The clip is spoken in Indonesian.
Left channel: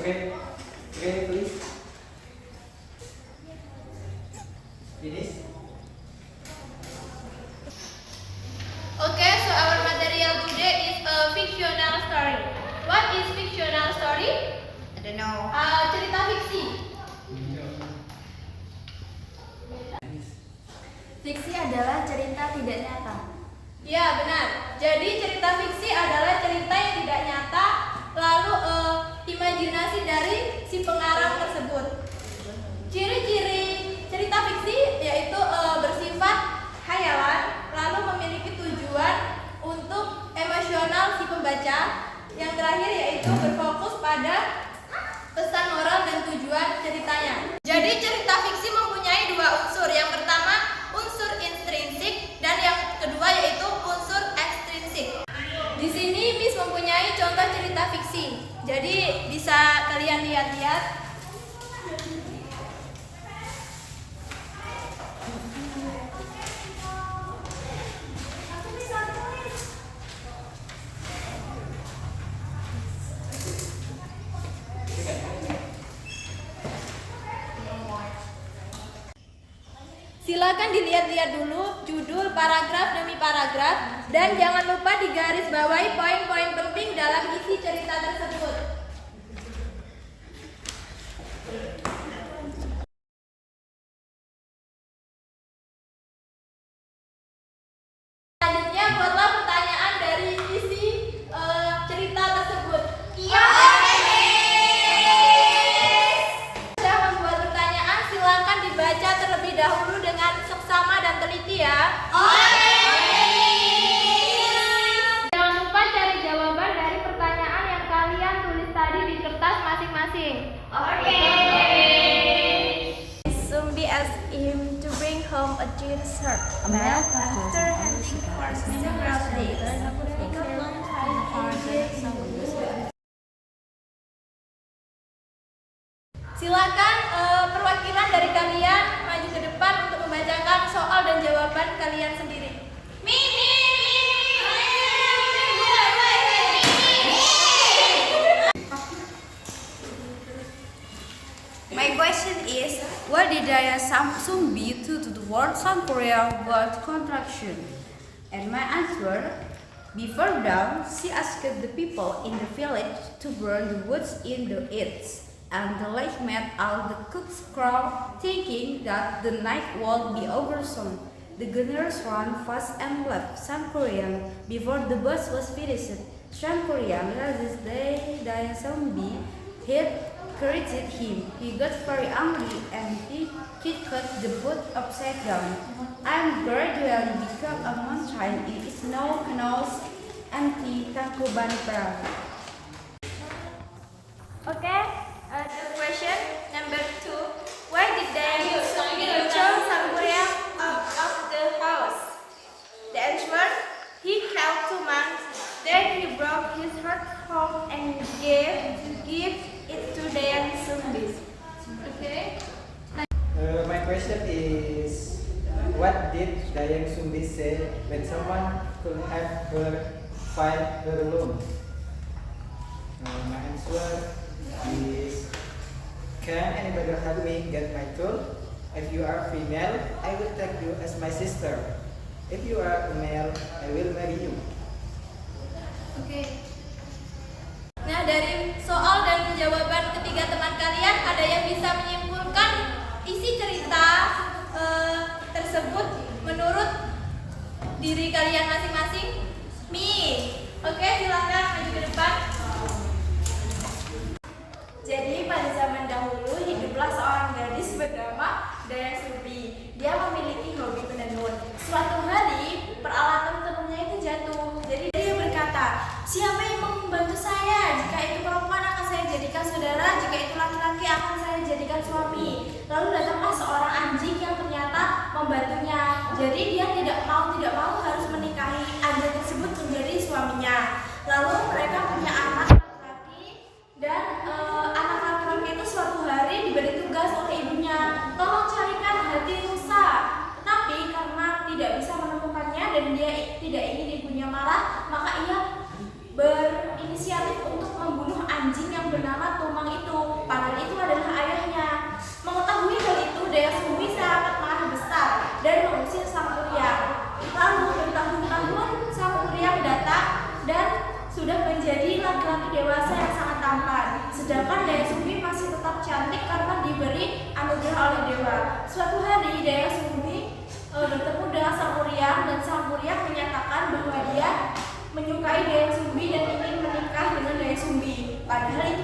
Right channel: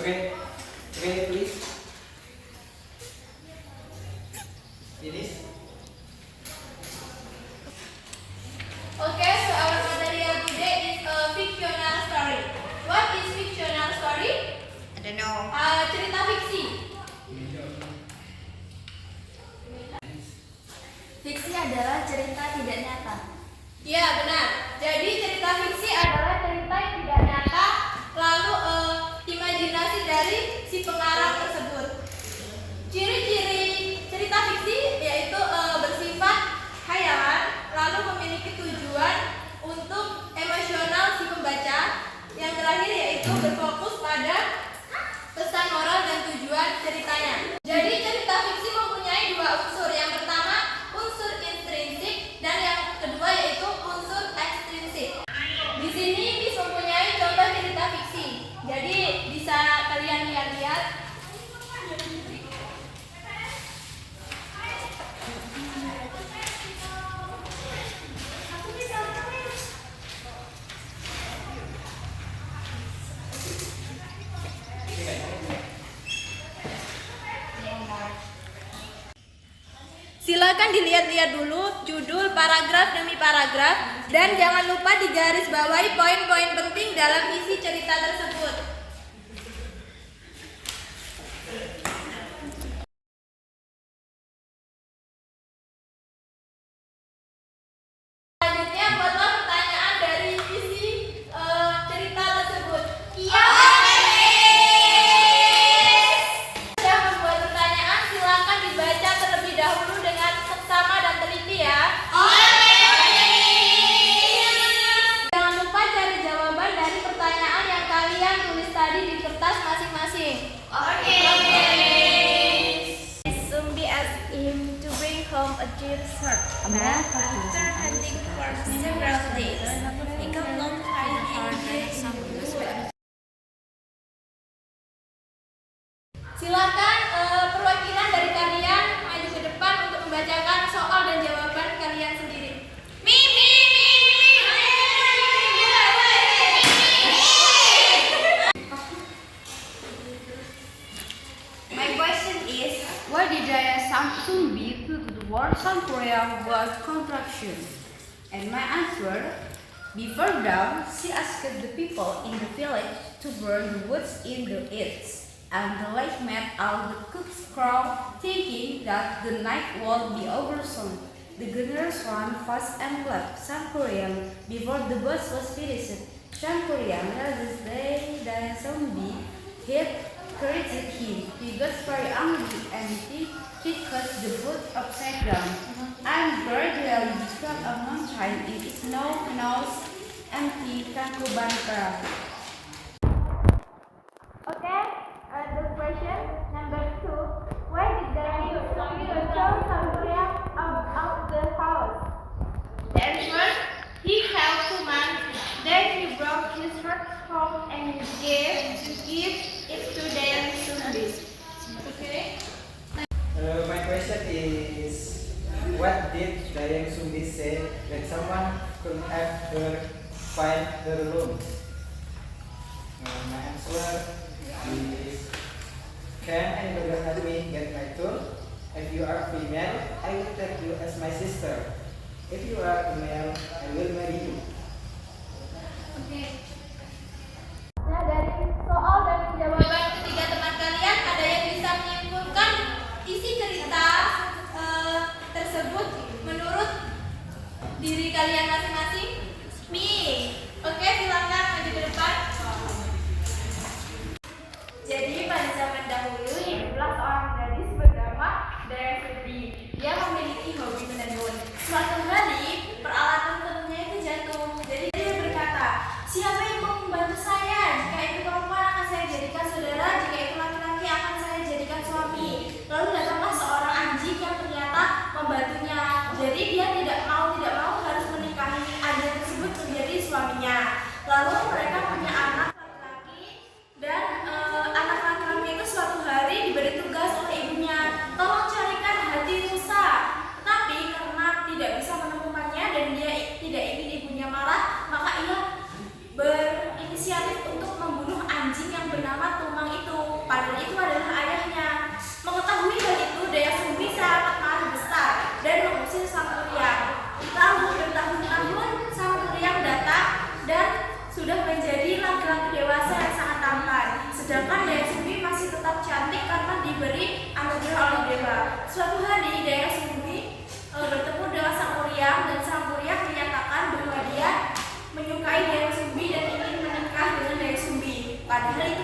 Okay, okay, please. Finish. Okay, so our material today is a fictional story. What is fictional story? I don't know. Cerita fiksi. Fiksi adalah cerita tidak nyata. Ya, benar. Jadi cerita fiksi adalah cerita yang tidak nyata, lalu imajinasi dari si pengarang tersebut. Ciri-ciri cerita fiksi yaitu bersifat khayalan, lalu memiliki tujuan untuk emosional si pembaca. Yang terakhir yaitu berfokus pada pesan moral dan tujuan ceritanya. Jadi cerita fiksi mempunyai dua unsur. Yang pertama unsur intrinsik dan yang kedua yaitu unsur ekstrinsik. Di sini Miss mempunyai contoh cerita fiksi. Jadi bisa kalian lihat-lihat. Silakan dilihat-lihat dulu judul, paragraf demi paragraf, dan jangan lupa digarisbawahi poin-poin penting dalam isi cerita tersebut. Selanjutnya buatlah pertanyaan dari isi cerita tersebut. Iya. Sudah membuat pertanyaan, silakan dibaca terlebih dahulu dengan seksama dan teliti ya. Jangan lupa cari jawaban dari pertanyaan yang kalian tulis tadi di kertas masing-masing. Zombie asked him to bring home a deer sword. After hunting for several days, he kept on trying and trying. Silakan perwakilan dari kalian maju ke depan untuk membacakan soal dan jawaban kalian sendiri. My question is, what did Daya Samsung do to the word South Korea word contraction? And my answer, before dawn, she asked the people in the village to burn the woods in the earth. And the lake made all the cooks crawl, thinking that the night would be over soon. The gunners ran fast and left South Korea before the bus was finished. South Korea realized Daya Zombie had corrected him. He got very angry and he cut the boat upside down. And gradually became a mountain in snow canals empty Tangkuban Perahu. Okay, the question number 2. Why did they throw Samburia out of the house? The answer, he killed 2 months. Then he broke his red home and gave it to their zombies. Okay. My question is, what did Dayang Sumbi say when someone could have her find her alone? My answer is, can anybody help me get my tool? If you are female, I will take you as my sister. If you are a male, I will marry you. Oke. Nah, dari soal dan jawaban ketiga teman kalian, ada yang bisa menyimpulkan isi cerita tersebut menurut diri kalian masing-masing? Oke, silakan maju ke depan. Jadi pada zaman dahulu hiduplah seorang gadis bernama Daya Sumbi. Dia memiliki hobi menenun. Suatu hari peralatan tenunnya itu jatuh. Jadi dia berkata, siapa yang mau membantu saya? Jika itu perempuan akan saya jadikan saudara, jika itu laki-laki akan saya jadikan suami. Lalu datanglah seorang anjing yang ternyata membantunya. Jadi dia tidak mau harus menikahi anjing tersebut menjadi suaminya. Lalu mereka punya anak laki-laki dan anak laki-laki itu suatu hari diberi tugas oleh ibunya, tolong carikan hati rusa. Tetapi karena tidak bisa menemukannya dan dia tidak ingin ibunya marah, maka ia berinisiatif untuk membunuh anjing yang bernama Tumang itu, padahal itu adalah ayahnya. Mengetahui hal itu, Daya Sumbi sangat marah besar dan mengusir Sang Kuryang. Lalu bertahun-tahun Sang Kuryang datang dan sudah menjadi laki-laki dewasa yang sangat tampan. Sedangkan Daya Sumbi masih tetap cantik karena diberi anugerah oleh dewa. Suatu hari Daya Sumbi bertemu dengan Sang Kuryang dan Sang Kuryang menyatakan bahwa dia menyukai Daya Sumbi dan ingin menikah dengan Daya Sumbi. Padahal itu